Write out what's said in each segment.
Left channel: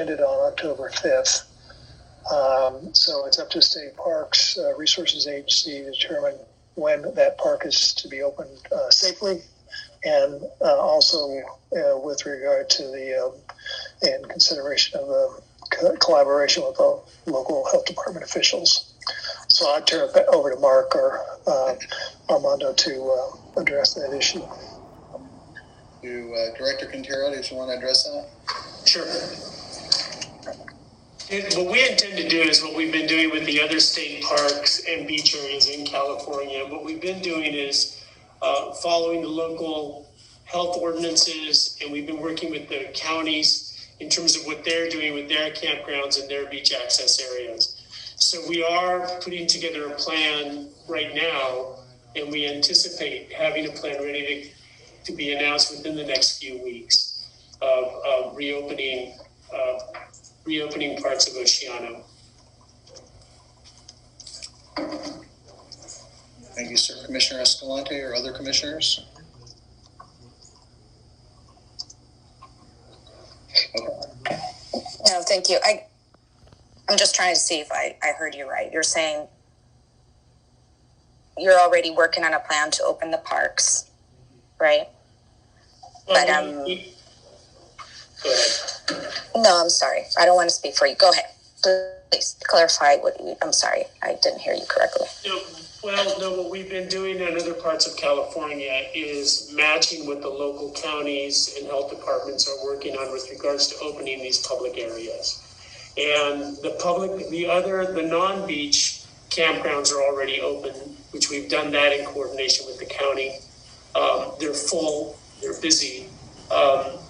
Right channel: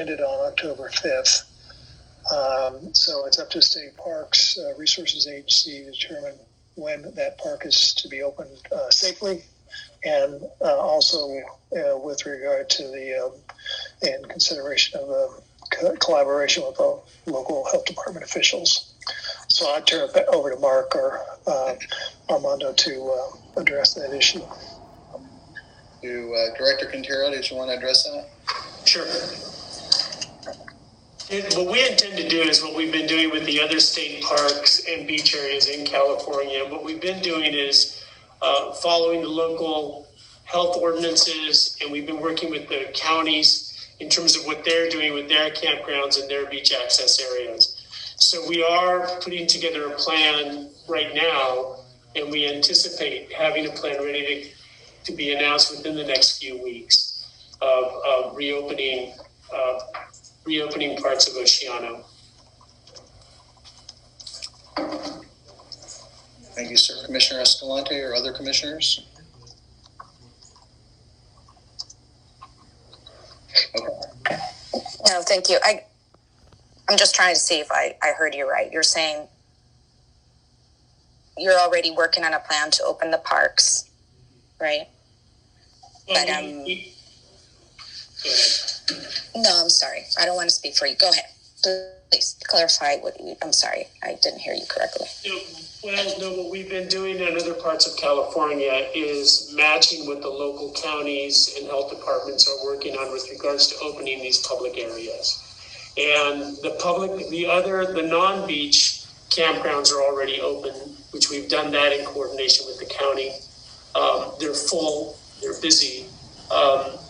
ended on October 5th. So it's up to State Parks Resources Agency to determine when that park is to be opened safely, and also with regard to the in consideration of the collaboration with the local health department officials. So I'd turn it over to Mark or Armando to address that issue. Director Quintero, did you want to address that? Sure. What we intend to do is what we've been doing with the other state parks and beach areas in California. What we've been doing is following the local health ordinances, and we've been working with the counties in terms of what they're doing with their campgrounds and their beach access areas. So we are putting together a plan right now, and we anticipate having a plan ready to be announced within the next few weeks of reopening parts of Oceano. Thank you, sir. Commissioner Escalante or other commissioners? Okay. No, thank you. I'm just trying to see if I heard you right. You're saying you're already working on a plan to open the parks, right? Well, but go ahead. No, I'm sorry. I don't want to speak for you. Go ahead. Please clarify I'm sorry. I didn't hear you correctly. No, what we've been doing in other parts of California is matching what the local counties and health departments are working on with regards to opening these public areas. And the non-beach campgrounds are already open, which we've done that in coordination with the county. They're full, they're busy.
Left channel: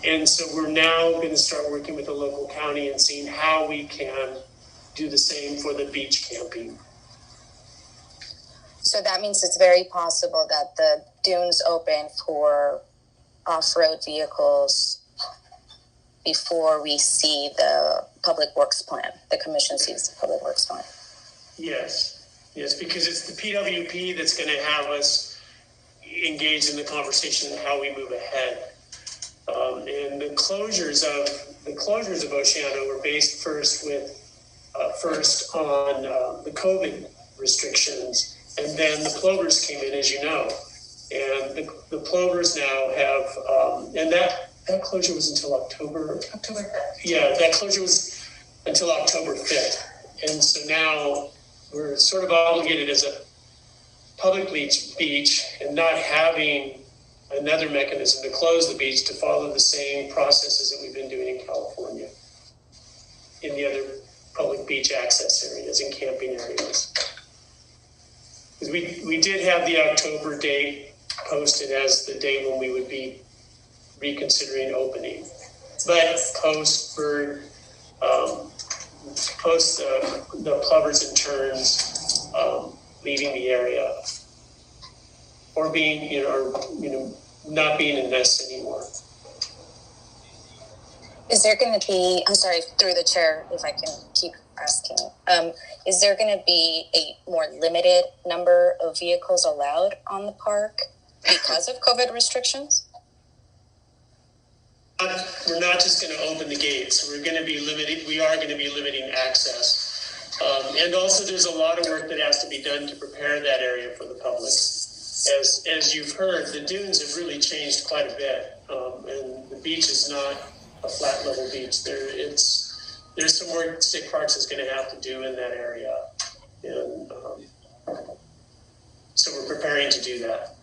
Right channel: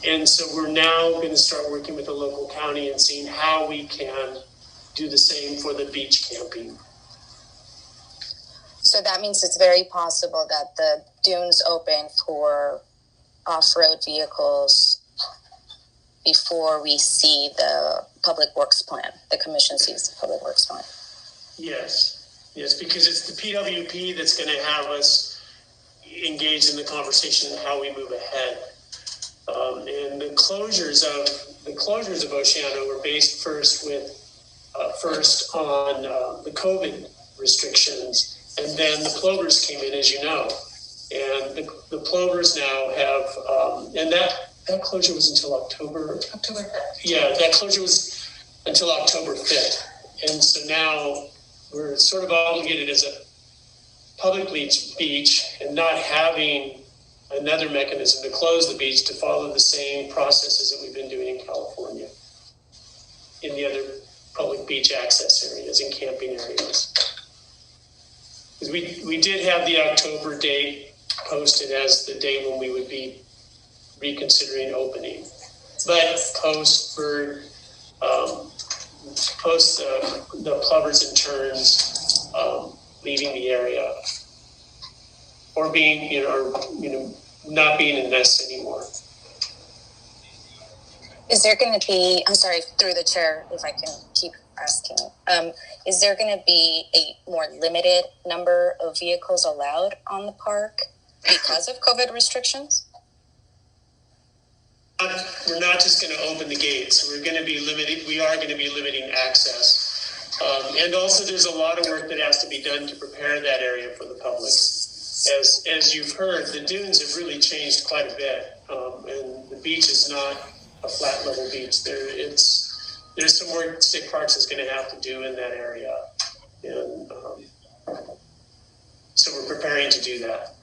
And so we're now going to start working with the local county and seeing how we can do the same for the beach camping. So that means it's very possible that the dunes open for off-road vehicles before we see the public works plan, the commission sees the public works plan. Yes, because it's the PWP that's going to have us engaged in the conversation on how we move ahead. And the closures of Oceano were based first on the COVID restrictions, and then the plovers came in, as you know, and the plovers now have and that closure was until October. Yeah, that closure was until October 5th, and so now we're sort of obligated as a public beach and not having another mechanism to close the beach to follow the same processes that we've been doing in California in the other public beach access areas and camping areas. Because we did have the October date posted as the day when we would be reconsidering opening, but post the plovers and terns leaving the area or being not being in nests anymore. Is there going to be, I'm sorry, through the chair, if I can keep asking, is there going to be a more limited number of vehicles allowed on the park because of COVID restrictions? We're not just going to open the gates. We are going to be limiting access. And also there's a lot of work that has to be done to prepare that area for the public. As you've heard, the dunes have really changed quite a bit. And the beach is not a flat level beach. There's some work State Parks is going to have to do in that area. And so we're preparing to do that.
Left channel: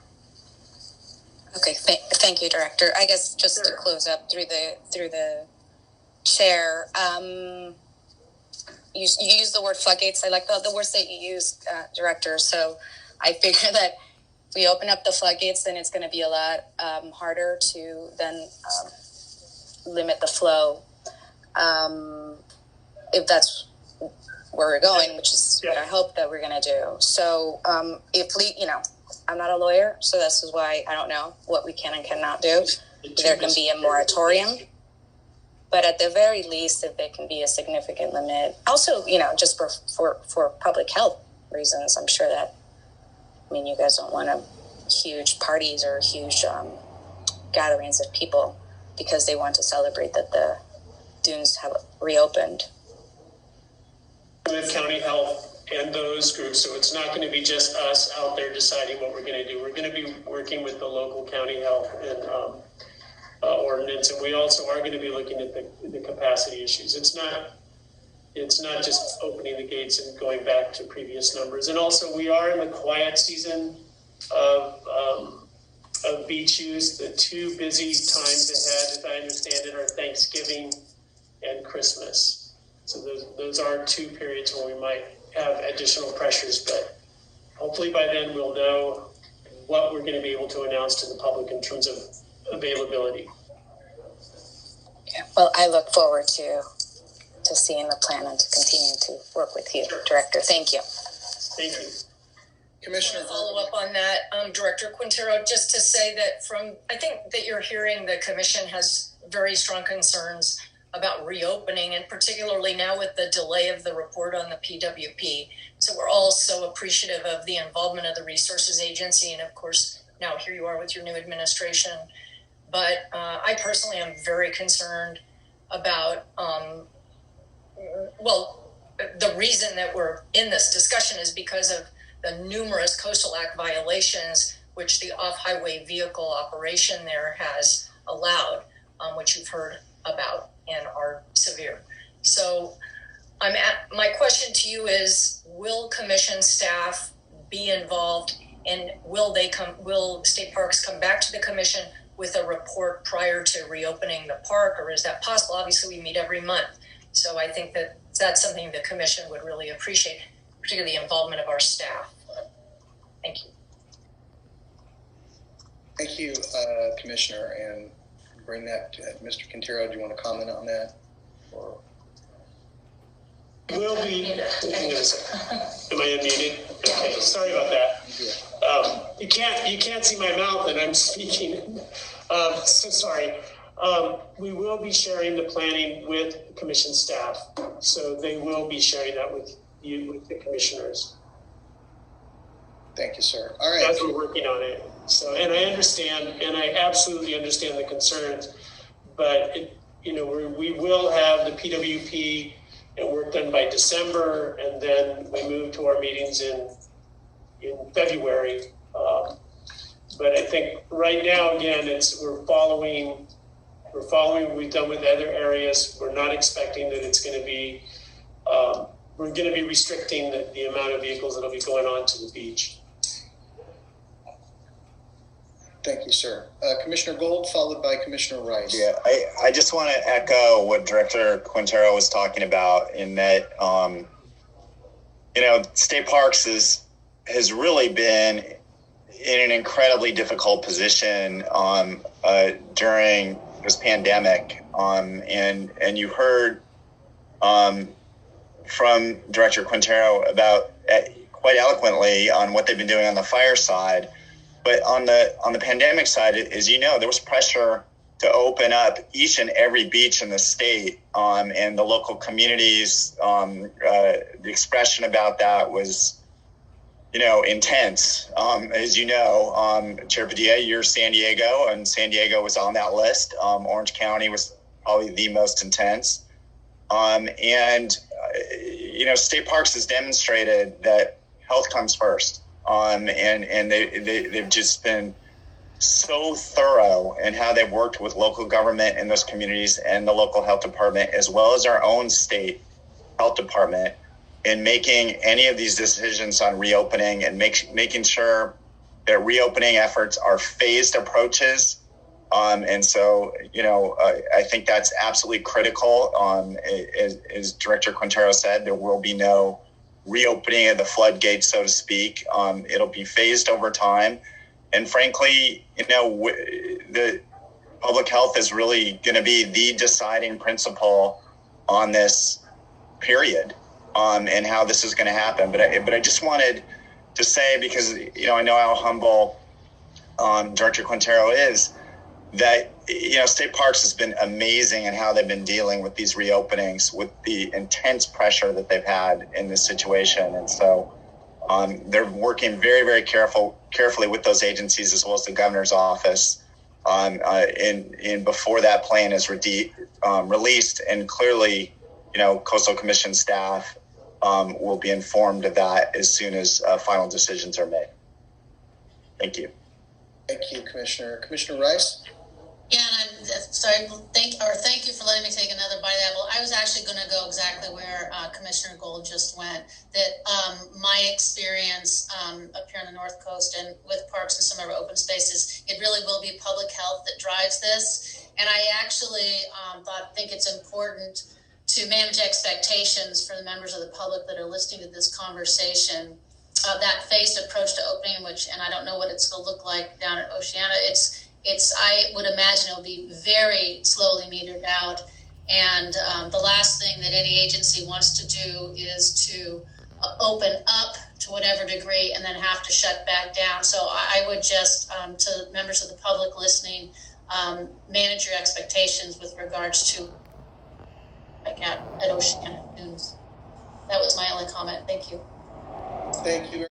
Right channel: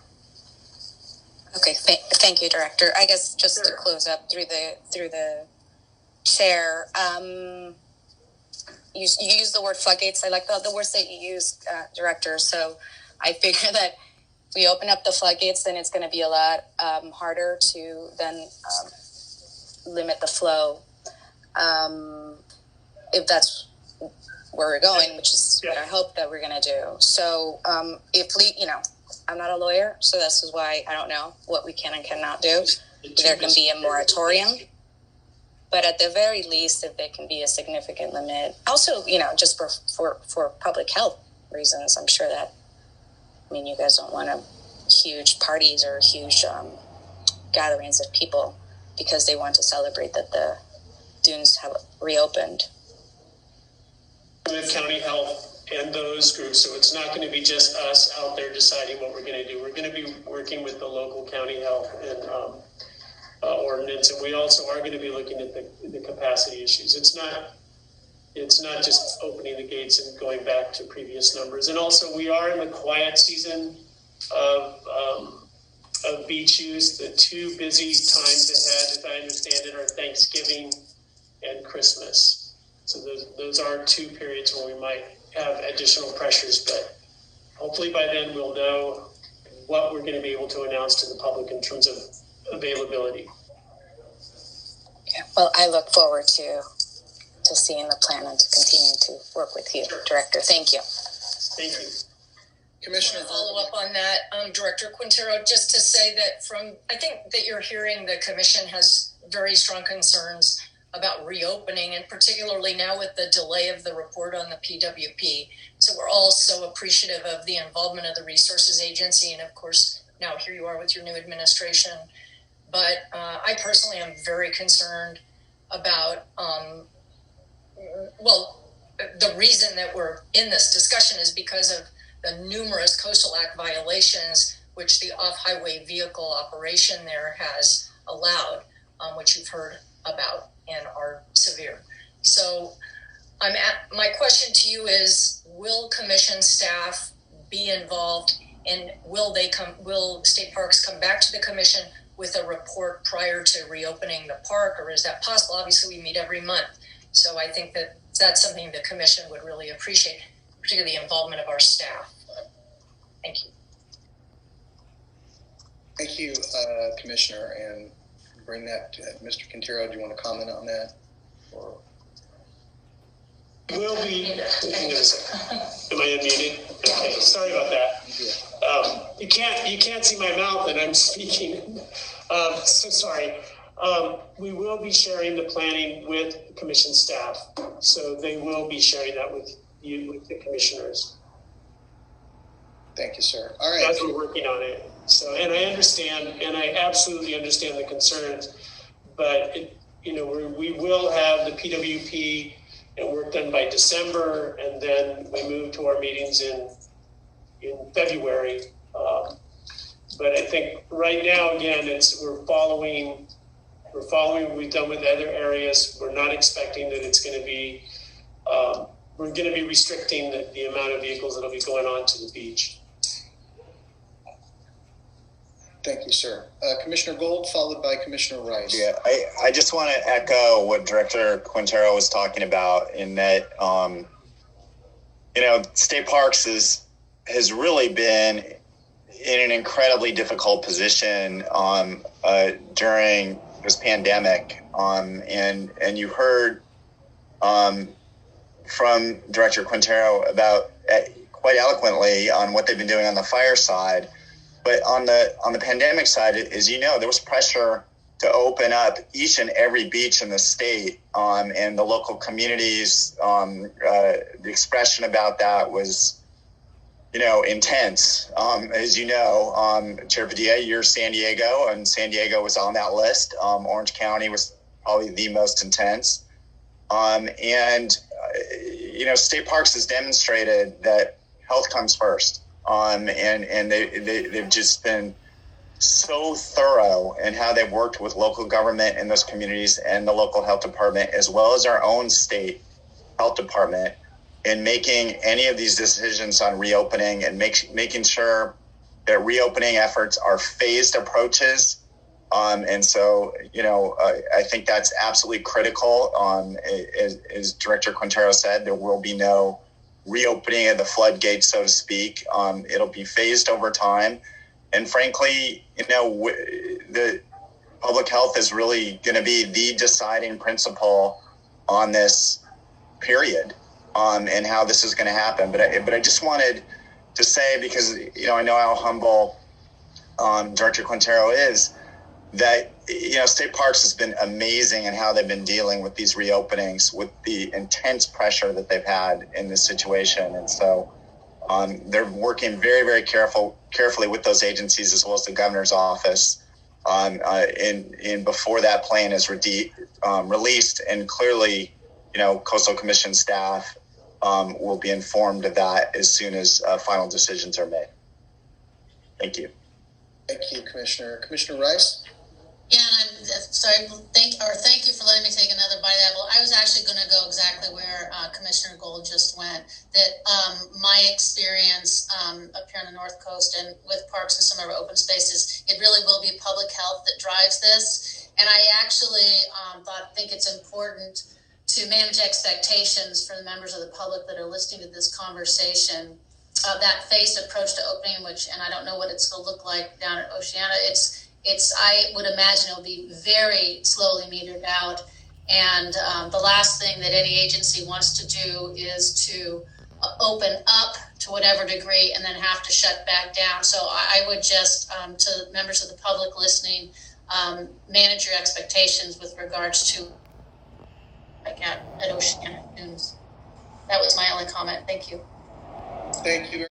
Okay, thank you, Director. I guess just to close up through the chair, you use the word floodgates. I like the words that you used, Director. So I figure that if we open up the floodgates, then it's going to be a lot harder to then limit the flow. If that's where we're going, which is what I hope that we're going to do. So if I'm not a lawyer, so this is why I don't know what we can and cannot do. There can be a moratorium, but at the very least, if there can be a significant limit, also, just for public health reasons, I'm sure that, you guys don't want huge parties or huge gatherings of people because they want to celebrate that the dunes have reopened? With county health and those groups, so it's not going to be just us out there deciding what we're going to do. We're going to be working with the local county health and ordinance, and we also are going to be looking at the capacity issues. It's not just opening the gates and going back to previous numbers. And also, we are in the quiet season of beach use. The two busy times ahead, as I understand it, are Thanksgiving and Christmas. So those are two periods where we might have additional pressures, but hopefully by then we'll know what we're going to be able to announce to the public in terms of availability. Yeah, well, I look forward to seeing the plan and to continuing to work with you, sure. Director. Thank you. Thank you. Commissioner, follow up on that, Director Quintero, just to say that I think that you're hearing the commission has very strong concerns about reopening, and particularly now with the delay of the report on the PWP. So we're all so appreciative of the involvement of the Resources Agency, and of course, now here you are with your new administration. But I personally am very concerned about, the reason that we're in this discussion is because of the numerous Coastal Act violations which the off-highway vehicle operation there has allowed, which you've heard about and are severe. So my question to you is, will commission staff be involved, and will state parks come back to the commission with a report prior to reopening the park, or is that possible? Obviously we meet every month. So I think that that's something the commission would really appreciate, particularly the involvement of our staff. Thank you. Thank you, Commissioner, and bring that to Mr. Quintero. Do you want to comment on that? Or? Will be. Hang on a second. Am I unmuted? Okay, sorry about that. You can't see my mouth, and I'm speaking. So sorry. We will be sharing the planning with commission staff, so they will be sharing that with you, with the commissioners. Thank you, sir. All right. As we're working on it. So, and I understand, and I absolutely understand the concerns, but we will have the PWP and work done by December, and then we move to our meetings in February. But I think right now, again, we're following what we've done with other areas. We're not expecting that it's going to be, we're going to be restricting the amount of vehicles that'll be going on to the beach. Thank you, sir. Commissioner Gold, followed by Commissioner Rice. Yeah, I just want to echo what Director Quintero was talking about, in that, State Parks has really been in an incredibly difficult position during this pandemic. And you heard from Director Quintero about quite eloquently on what they've been doing on the fire side. But on the pandemic side, as you know, there was pressure to open up each and every beach in the state, and the local communities. The expression about that was, intense. As you know, Chair Padilla, you're San Diego, and San Diego was on that list. Orange County was probably the most intense. State Parks has demonstrated that health comes first. And they've just been so thorough in how they've worked with local government in those communities and the local health department, as well as our own state health department, in making any of these decisions on reopening and making sure that reopening efforts are phased approaches. And so, I think that's absolutely critical. As Director Quintero said, there will be no reopening of the floodgates, so to speak. It'll be phased over time. And frankly, the public health is really going to be the deciding principle on this period, and how this is going to happen. But I just wanted to say, because, I know how humble Director Quintero is, that, State Parks has been amazing in how they've been dealing with these reopenings, with the intense pressure that they've had in this situation. And so they're working very, very carefully with those agencies, as well as the governor's office, in before that plan is released, and clearly, Coastal Commission staff will be informed of that as soon as final decisions are made. Thank you. Thank you, Commissioner. Commissioner Rice? Yeah, and I'm sorry. Thank you for letting me take another bite of the apple. I was actually going to go exactly where Commissioner Gold just went. That my experience up here on the North Coast and with parks and some of our open spaces, it really will be public health that drives this. And I actually think it's important to manage expectations for the members of the public that are listening to this conversation. That phased approach to opening, and I don't know what it's going to look like down at Oceano. I would imagine it'll be very slowly metered out. And the last thing that any agency wants to do is to open up to whatever degree and then have to shut back down. So I would just, to members of the public listening, manage your expectations with regards to at Oceano Dunes. That was my only comment. Thank you. Thank you.